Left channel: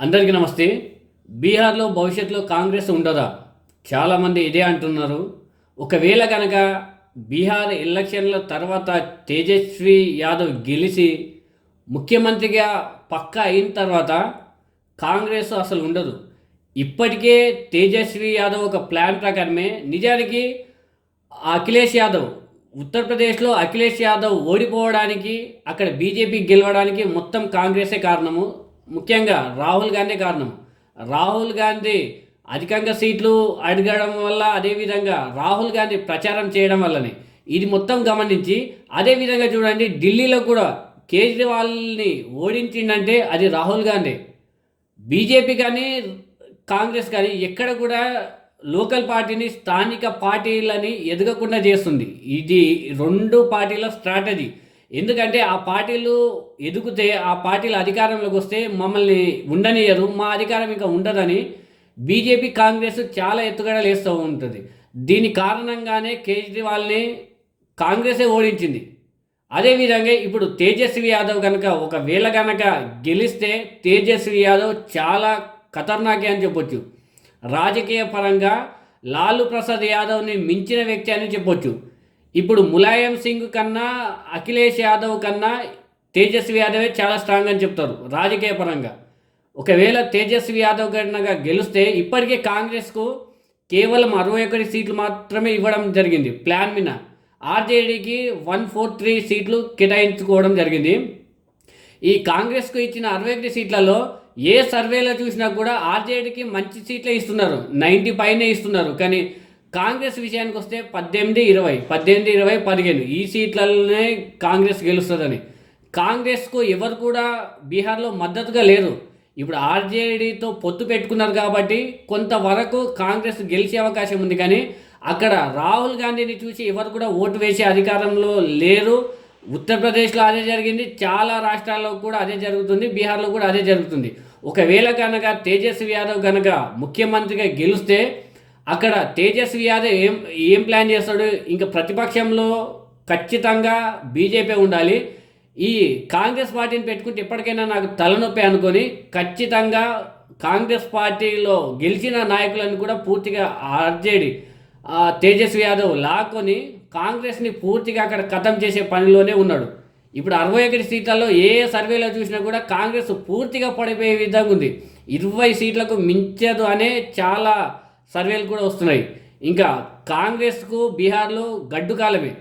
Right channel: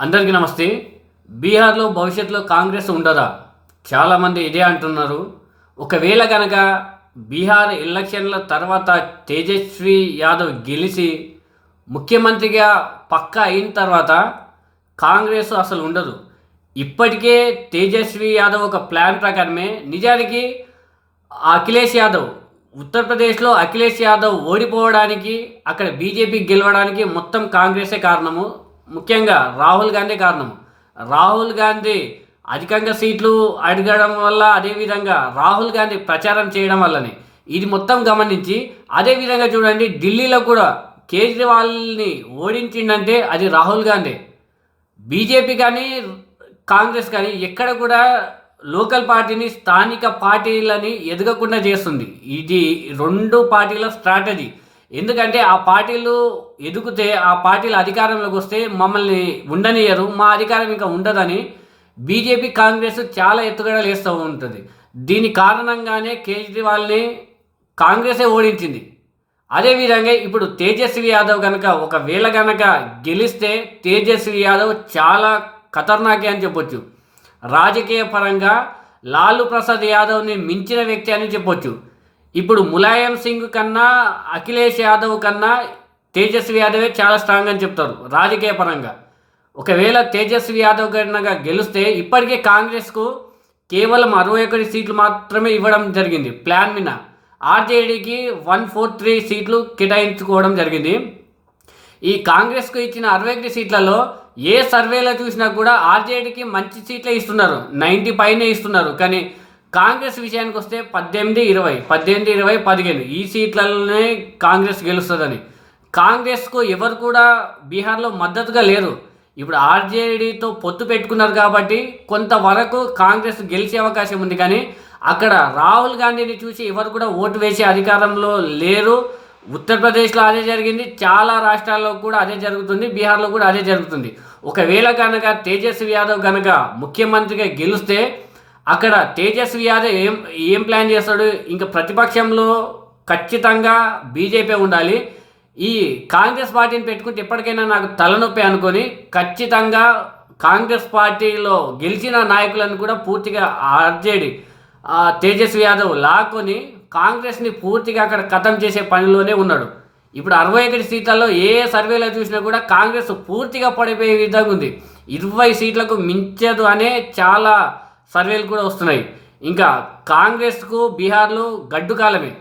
అందరికీ నమస్తే. బీహార్లో భవిష్యత్తులో కాంగ్రెస్ ఉండదా? చాలామంది ఇదే అంటున్నారు. ఒకవేళ కనుక బీహార్ ఎలక్షన్ల తర్వాత తేజస్వి యాదవ్ గెలిచి ముఖ్యమంత్రిగా పక్కా అయిన తర్వాత కాంగ్రెస్ అసలు ఉండదు. ఇప్పటికే తేజస్వి యాదవ్ ఒక ప్లాన్ ప్రకారమే నిజానికి అఖిలేష్ యాదవ్ ఉత్తరప్రదేశ్లో అఖిలేష్ యాదవ్ ఓడిపోవడానికి అక్కడ బీజేపీ గెలవడానికి మొత్తం కాంగ్రెసే కారణము. ముఖ్యంగా రాహుల్ గాంధీ కారణం రాహుల్ గాంధీ అధికంగా సీట్లు అడగడం వల్ల అదేవిధంగా రాహుల్ గాంధీ ప్రచారం చేయడం వల్లనే. ఇది మొత్తం గమనించి అదేవిధంగా చూడండి ఢిల్లీలో కూడా కేజ్రీవాల్ని ఓడించిందంటే అది రాహుల్ గాంధీ. బీజేపీ కానీ కాంగ్రెస్ కానీ ఎక్కడ కూడా లోకల్ పార్టీని స్థానిక పార్టీలని ఎదగకుండా చేస్తుంది. ఇది రెండు పార్టీల స్ట్రాటజీ. ఎందుకంటే ఆ పార్టీలు ఎదుగుతే ఆ పార్టీలు అధికారంలోకి వస్తే మమ్మల్ని ఉండనియరు. మా అధికారం ఇంకా ఉండదని బీజేపీ కాంగ్రెస్ చాలా ఎత్తుగడలు వేస్తూ ఉంటుంది. దీని కారణంగానే కేజ్రీవాల్ని కాంగ్రెసే ఓడించింది. అదేవిధంగా ఇప్పుడు తేజస్వి యాదవ్ కనుక ఒకవేళ కనుక గెలిస్తే తేజస్వి యాదవ్ చాలా ఖతర్నాకే అని చెప్పొచ్చు. రాజకీయ పరంగా లాలు ప్రసాద్ యాదవ్ని మించిన వ్యక్తి అని చెప్పొచ్చు. ఇప్పుడు ములాయం సింగ్ కన్నా అఖిలేష్ యాదవ్ కన్నా తేజస్వి యాదవే చాలా స్ట్రాంగ్ అని చెప్తారు రాజకీయ పరంగా. ఒకవేళ తేజస్వి యాదవ్ కన్నా గెలిస్తే ఇప్పటికే కాంగ్రెస్కు కేవలం అరవై ఒకటి సీట్లు మాత్రమే ఇవ్వడం జరిగింది ప్లాన్ మీద. ఆర్జేడీకి వన్ ఫోర్ త్రీ సీట్లు కేటాయించుకోవడం జరిగింది. ఈ కాంగ్రెస్కు ఇచ్చిన అరవై ఒకటి సీట్లలో ఏ సర్వేలో చూసినా కూడా ఆర్జేడీకి మంచి సీట్లే ఇస్తున్నారు నైంటీ పైనే ఇస్తున్నారు. కానీ కాంగ్రెస్ విషయానికి వస్తే పద్దెనిమిది ఇరవై పద్దెనిమిది ఇరవై పదిహేను. ఈ సీట్లలోనే కాంగ్రెస్ గెలుస్తుందని. కాంగ్రెస్కు ఎవరు కూడా బీహార్లో మద్దతుగా లేరు ఇప్పుడు ఆర్జేడీతో పొత్తు పెట్టుకున్నారు కాబట్టి కొంతవరకు కాంగ్రెస్ గెలిచే అవకాశం ఉంది కానీ అక్కడ రాహుల్ గాంధీని చూసి ఎవరు కూడా ఓటు వేసే అధికారంలో లేరు. ఉత్తరప్రదేశ్లో అదే జరిగింది చాలా రాష్ట్రాల్లో కూడా అదే జరుగుతుంది బీహార్లో కూడా అదే జరుగుతుంది. ఒకవేళ కనుక తేజస్వి యాదవ్ కనుక ముఖ్యమంత్రిగా గెలిస్తే అక్కడ తేజస్వి యాదవ్ ఏం ఏం ప్లాన్ చేస్తాడు? ఇంకా ప్రతిపక్షంలో ఖచ్చితంగా బీజేపీ ఉండాలి. ఈ కాంగ్రెస్ పార్టీని పెట్టుకుంటే ఎప్పటికైనా నాకు తలనొప్పి అనుకొని ఖచ్చితంగా కాంగ్రెస్ పార్టీలో గెలిచిన నాయకులను కూడా పూర్తిగా ఆర్జేడి తేజస్వి యాదవ్ లాక్కొని కాంగ్రెస్ని పూర్తిగా అక్కడ ఖతం చేసే పనిలోనే ఉన్నాడు. ఇప్పుడు అరవై ఒకటి సీట్లలో ఏ సర్వేలో చూసినా కూడా కాంగ్రెస్ పూర్తిగా పడిపోయే విధంగా ఉంది. ఇరవై సీట్లకు మించదు అనే చాలా సర్వేలు కూడా వస్తున్నాయి. ఇంకా కాంగ్రెస్కు బీహార్లో గడ్డు కాలమే.